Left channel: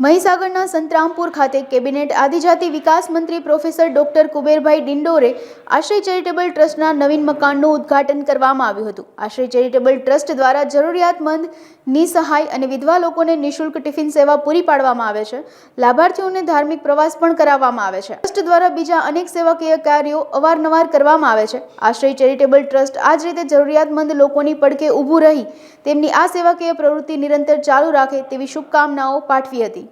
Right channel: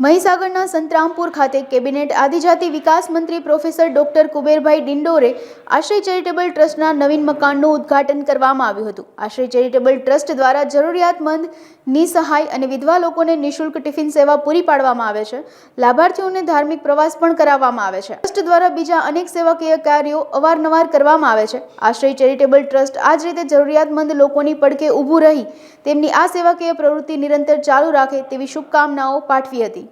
મહીસાગરના સંતરામપુર ખાતે કેબિનેટ આદિજાતિ વિકાસ મંત્રી પ્રોફેસર ડોક્ટર કુબેરભાઈ ડિંડોરે આશ્રય ચેરિટેબલ ટ્રસ્ટના નવીન મકાનનું ઉદ્ઘાટન કરવામાં આવ્યું હતું। આશ્રય ચેરિટેબલ ટ્રસ્ટ દ્વારા જરૂરિયાતમંદ, નિસહાય અને વિધવા લોકોને નિઃશુલ્ક ટિફિન સેવા પૂરી પાડવામાં આવે છે। લાભાર્થીઓને ધાર્મિક પ્રવાસ પણ કરાવવામાં આવે છે। ટ્રસ્ટ દ્વારા બીજા અનેક સેવાકીય કાર્યો અવારનવાર કરવામાં આવે છે। આશ્રય ચેરિટેબલ ટ્રસ્ટ આ જ રીતે જરૂરિયાતમંદ લોકોની પડખે ઊભું રહી તેમની આ સેવાકીય પ્રવૃત્તિ નિરંતર ચાલુ રાખે તેવી શુભકામનાઓ પાઠવી હતી।